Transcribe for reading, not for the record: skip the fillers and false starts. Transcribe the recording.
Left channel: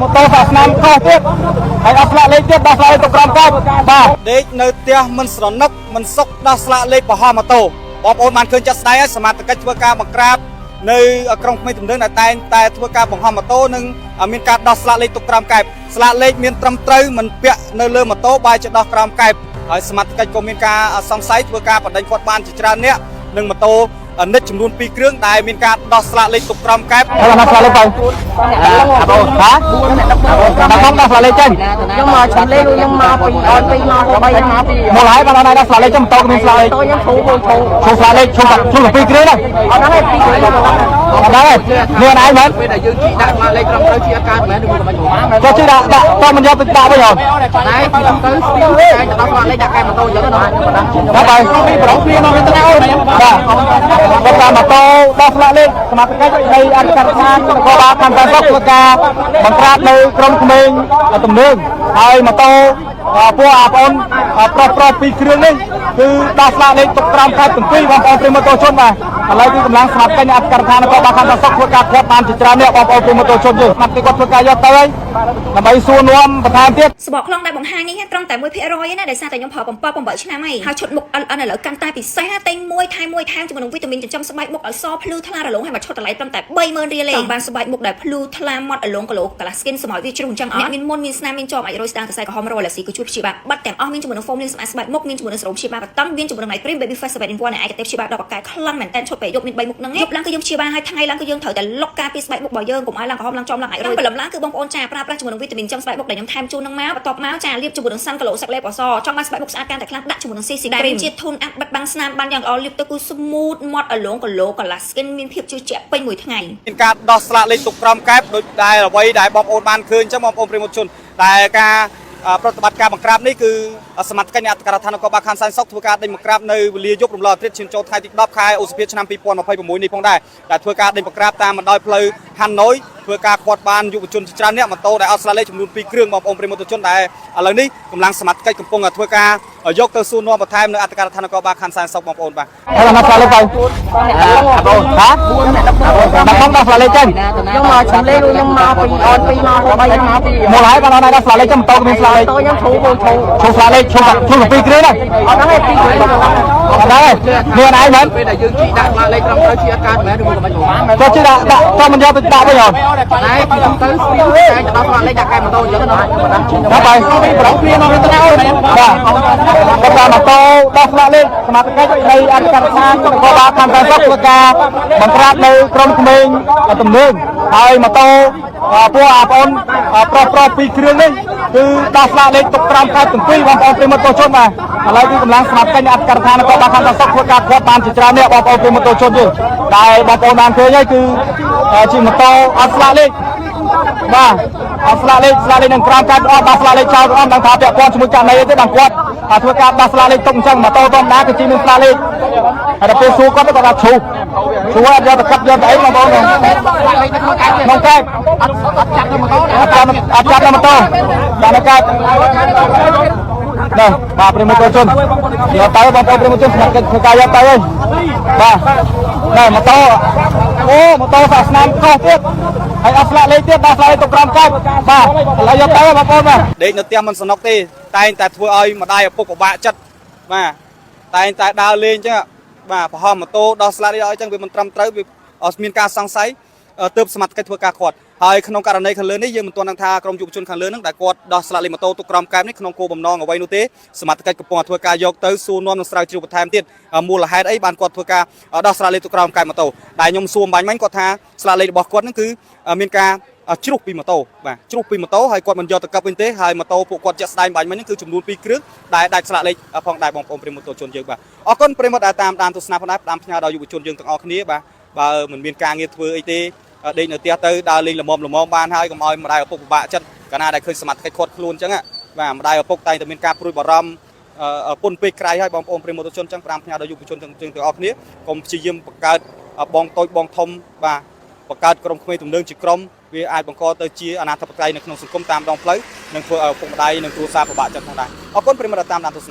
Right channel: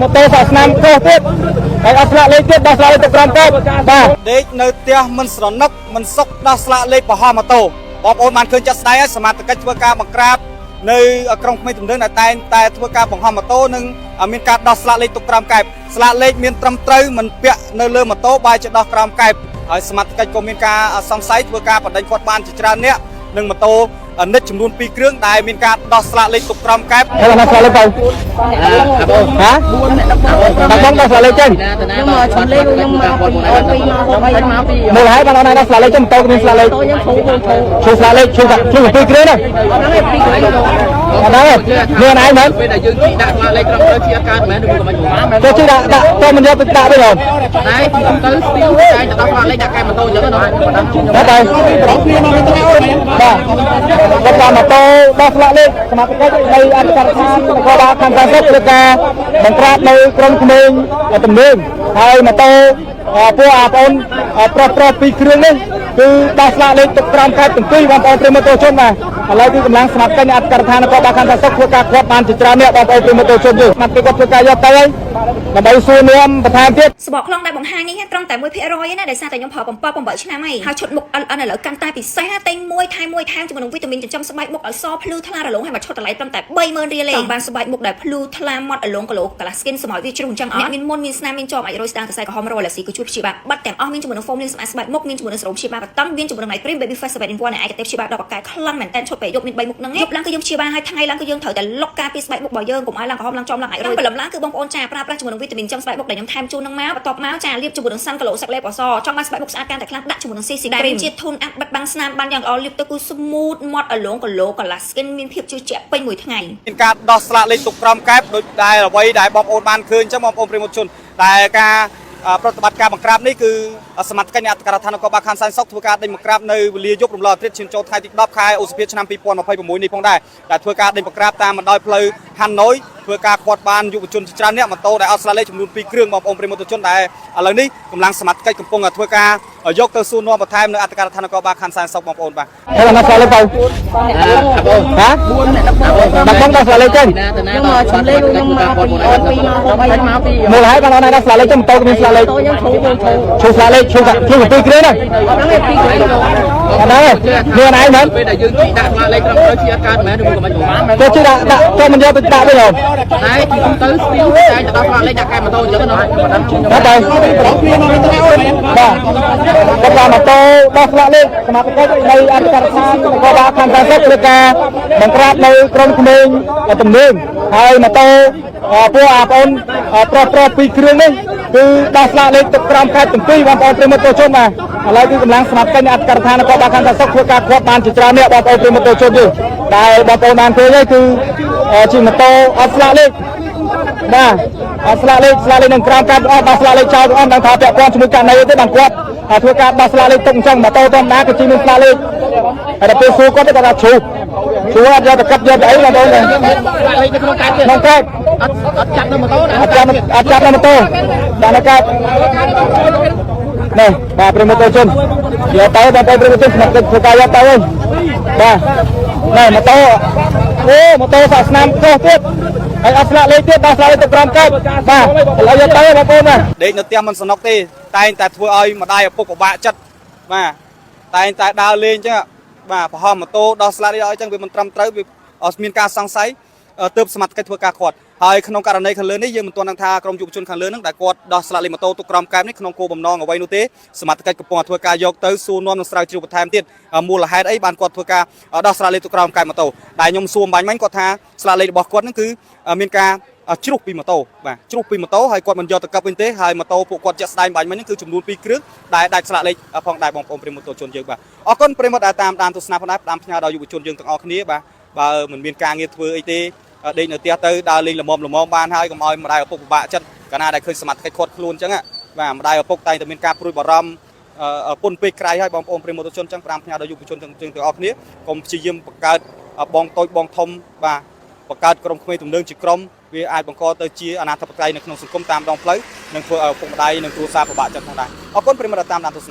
ម៉ូតូសាសនាខុសទៀតហើយអត់ស្លាកលេខទៀតដោះស្លាកលេខទៅក្រោមកោបបាទដេកនៅផ្ទះមិនស្រណឹកមិនសុខដោះស្លាកលេខបរហោះម៉ូតូបងប្អូនបានឃើញចាត់ស្ដែងហើយសមត្ថកិច្ចធ្វើការបង្ក្រាបនៅក្រុងភ្នំទំនើងតែងតែធ្វើការបង្ហោះម៉ូតូនិងមានការដោះស្លាកលេខទុកក្រោមកែបស្លាកលេខមានត្រឹមត្រូវមិនពាក់នៅលើម៉ូតូបែរជាដោះក្រោមកែបហើយសមត្ថកិច្ចក៏មានការសង្ស័យធ្វើការបដិញ្ញគាត់បានជាច្រើនអ្នកនឹងម៉ូតូនិចចំនួន2គ្រឿងដែលមានការដោះស្លាកលេខទុកក្រោមកែបហើយណាស្លាកលេខទៅអាបងហាបងដោះស្លាកលេខចេញខ្ញុំមកឈ្មោះលេខខ្ញុំមកពីអត់ពីមក3មកពីមូលហេតុបានណាស្លាកលេខចេញម៉ូតូមានស្លាកលេខខ្ញុំឈូស្លាកលេខឈូ2គ្រឿងហ្នឹងអត់ហ្នឹង2គ្រឿងអត់ហ្នឹងនេះណៃមែនពេលដែលយើងជីដាក់ស្លាកលេខត្រឹមត្រូវជាអត់កើតមែនឬមិនមកចូលជីដាក់តមិនយកទៅដាក់វិញហ៎តែជីទៅស្ទីលតែដោះស្លាកលេខដាក់កែម៉ូតូអញ្ចឹងណាបាទប្រងព្រាមកទៅអូនបាទគាត់ម៉ូតូដោះស្លាកលេខសមាជិកនៃអធិការដ្ឋាននគរបាលខណ្ឌតាមស្រុកធ្វើការបង្ក្រាបនៅក្រុមក្មេងទំនើងហើយម៉ូតូពួកបងប្អូនប្រុស2គ្រឿងនេះគឺដោះស្លាកលេខទុកក្រោមកែបទាំងពីរបងប្អូនប្រិយមិត្តទស្សជនបាទឥឡូវគឺកម្លាំងសមាជិកនៃអធិការដ្ឋាននគរបាលខណ្ឌតាមស្រុកធ្វើការគាត់បានជាច្រើនអ្នកបងប្អូនប្រិយមិត្តទស្សជនយើងសមាជិកគាត់ធ្វើការយកទៅហើយដើម្បីសួរនាំបន្ថែមទៀតសបកខ្លងដែលបង្ហាញនេះត្រឹមតែ 1% ឯណាដោយសារតែខ្ញុំប្រើ7ឆ្នាំហើយហើយឈុតមុខ LN ឥឡូវកាន់តែពិសេសតែ1ថែមជាមួយនឹងវីតាមីនចិញ្ចឹមស្បែកមុខឲ្យសភ្លឺថ្លារលោងហើយមកឈុតតម្លៃត្រឹមតែ30000រៀលឯងបានស្បែកមុខដែលភ្លឺថ្លាមាត់រលោងគីឡូកាឡា skin សម័យវាជ្រុះអញ្ចឹងអ្នកមានមុនមានស្នាមមានជាប់អាចរយស្ដាងសរសៃក្រហមរលាស៊ីគឺជួយព្យាបាលបាត់ទាំងអស់មានជាមួយនឹង foam លាងសម្អាតស្បែកមុខមានជាមួយនឹងសេរ៉ូមព្យាបាលបតង់មានជាមួយនឹង night cream baby face 7 in 1នៃឯកទេសព្យាបាលដល់បកកែខ្លាំងមែនតែនឈុតពេលយប់មាន3មុខហ្នឹងយប់ឡើងគឺយើងព្យាបាលហើយថ្ងៃឡើងគឺយើងត្រូវតែលុកការពីស្បែកមុខរបស់យើងកុំឲ្យឡើងក្រហមឡើងចំឡើងអាចរយព្រលឹមឡើងគឺបងប្អូនចាប្រើប្រាស់ជាមួយនឹងវីតាមីនចិញ្ចឹមស្បែកមុខដែលខ្ញុំថែមជូននឹងមកបន្ទាប់មកចាលាបជាមួយនឹងសាន់គីឡូសាក់លេបអសចង់បានស្បែកមុខស្អាតកាន់តែខ្លាំងដាក់ជាមួយនឹង CC cream ជាធូនអាប់បិទបាំងស្នាមបានយ៉ាងល្អលាបទៅគឺ smooth មាត់រលោងគីឡូកាឡា skin មានភាពជឿជាក់ពេញមួយថ្ងៃមានការដោះស្លាកលេខទុកក្រោមកែបដោយដែលអ្វីដែលបងប្អូនបានឃើញចឹងបងប្អូនប្រិយមិត្តជនតែការប្រតិបត្តិការបង្ក្រាបនេះគឺសមាជិកនៃអធិការដ្ឋាននគរបាលខណ្ឌសែនសុខធ្វើការដេញបង្ក្រាបនៅវេលាយប់រំលងអាទិត្យឈានចូលថ្ងៃទី10ខែឧសភាឆ្នាំ2026នេះផងដែរដែលធ្វើការដេញបង្ក្រាបតាមបណ្ដោយផ្លូវហាណូយធ្វើការឃាត់បានយុវជនច្រើនអ្នកម៉ូតូដែលអត់ស្លាកលេខចំនួន2គ្រឿងបងប្អូនប្រិយមិត្តជនដែលឥឡូវនេះកម្លាំងសមាជិកកំពុងធ្វើការយកទៅសួរនាំបន្ថែមនៅអធិការដ្ឋាននគរបាលខណ្ឌសែនសុខបងប្អូនបាទហើយណាស្លាកលេខទៅអាបងហាបងដោះស្លាកលេខចេញខ្ញុំមកឈ្មោះលេខខ្ញុំមកពីអត់ពីមក3មកពីមូលហេតុបានណាស្លាកលេខចេញម៉ូតូមានស្លាកលេខខ្ញុំឈូស្លាកលេខឈូ2គ្រឿងហ្នឹងអត់ហ្នឹង2គ្រឿងអត់ហ្នឹងនេះណៃមែនពេលដែលយើងជីដាក់ស្លាកលេខត្រឹមត្រូវជាអត់កើតមែនឬមិនមកចូលជីដាក់តមិនយកទៅដាក់វិញហ៎តែជីទៅស្ទីលតែដោះស្លាកលេខដាក់កែម៉ូតូអញ្ចឹងណាបាទប្រងព្រាមកទៅអូនបាទគាត់ម៉ូតូដោះស្លាកលេខសមាជិកនៃអធិការដ្ឋាននគរបាលខណ្ឌតាមស្រុកធ្វើការបង្ក្រាបនៅក្រុមក្មេងទំនើងហើយម៉ូតូពួកបងប្អូនប្រុស2គ្រឿងនេះគឺដោះស្លាកលេខទុកក្រោមកែបទាំងពីរបងប្អូនប្រិយមិត្តទស្សជនបាទឥឡូវគឺកម្លាំងសមាជិកនៃអធិការដ្ឋាននគរបាលខណ្ឌតាមស្រុកធ្វើការគាត់បានជាច្រើនអ្នកបងប្អូនប្រិយមិត្តទស្សជនយើងដែលបងប្អូនបានឃើញហើយគឺជាម៉ូតូអត់ស្លាកលេខបាទអត់ស្លាកលេខនឹងក្រោមកែបអត់ដោះស្លាកលេខចោលអត់ដឹងថាពាក់ព័ន្ធជាមួយករណីទេបានគាត់ធ្វើការដោះស្លាកលេខទុកអញ្ចឹងម៉ូតូធម្មតាគឺជាមានស្លាកលេខហើយដល់ពេលសួរគាត់គាត់ថាឈូអត់យកទៅកាត់យកទៅអីបងប្អូនស្លាកលេខនៅក្នុងកែបអត់ចាប់នៅម៉ូតូអត់ចាប់នៅម៉ូតូដាក់នៅកែបនេះបាទប្រិមត្តជនយកទៅបងប្អូនប្រិមត្តជនស្មាត់ទឹកធ្វើការយកទៅហើយបាទនេះម៉ូតូម៉ូតូសាសនាខុសទៀតហើយអត់ស្លាកលេខទៀតដោះស្លាកលេខទុកក្រោមកែបបាទឥឡូវយកទៅបងប្អូនបាទដេកនៅផ្ទះមិនសំណុកទេតែងតែធ្វើឲ្យម្ដាយឪពុកពិបាកចិត្តបាទតែងតែដើរលេងអញ្ចឹងបាទប្រហោះម៉ូតូដោះស្លាកលេខឲ្យអញ្ចឹងវាមិនត្រឹមត្រូវវាមានការសង្ស័យទើបសមាជិកធ្វើការឃាត់ហើយក្នុងករណីខាងលើនេះយើងមិនទាន់ដឹងថាក្រុមយុវជនខាងលើហ្នឹងដែលគាត់ដោះស្លាកលេខម៉ូតូទុកក្រោមកែបនេះក្នុងគោលបំណងអ្វីនោះទេសមាជិកកំពុងធ្វើការយកទៅសួរនាំនិងស្រាវជ្រាវបន្ថែមទៀតមូលហេតុអីបានគាត់ធ្វើការដោះស្លាកលេខទុកក្រោមកែបម៉ូតូដែលខ្ញុំសួរបាញ់មិញគាត់ថាស្លាកលេខរបស់គាត់ហ្នឹងគឺមានការជ្រុះពីម៉ូតូបាទជ្រុះពីម៉ូតូហើយគាត់មិនយកទៅកាប់វិញទេហើយម៉ូតូពួកគាត់ជាក់ស្ដែងបាញ់មិញហ្នឹងគឺចំនួន2គ្រឿងដែលដាច់ស្លាកលេខផងដែរបងប្អូនប្រិមត្តទស្សជនយើងបាទអរគុណប្រិមត្តដែលតាមដានទស្សនាផងដែរផ្ដាំផ្ញើដល់យុវជនយើងទាំងអស់គ្នាបាទបើមិនមានការងារធ្វើអីទេដេកនៅផ្ទះទៅដើរលេងល្មមបានហើយកុំឲ្យម្ដាយឪពុកពិបាកចិត្តកាលណាដែលឃើញសមាជិកខាត់ខ្លួនអញ្ចឹងបាទម្ដាយឪពុកតែងតែមានការព្រួយបារម្ភពុនពេកក្រៃហើយបងប្អូនប្រិមត្តជនអញ្ចឹងផ្ដាំផ្ញើដល់យុវជនទាំងអស់គ្នាកុំព្យាយាមបង្កើតបងតូចបងធំបាទបង្កើតក្រុមក្មេងទំនើងជាក្រុមវាអាចបង្កទៅជាអនាធិបតេយ្យនៅក្នុងសង្គមតាមដងផ្លូវនិងធ្វើឲ្យឪពុកម្ដាយនិងគ្រួសារពិបាកចិត្តផងដែរអរគុណប្រិមត្តតាមដានទស្សនា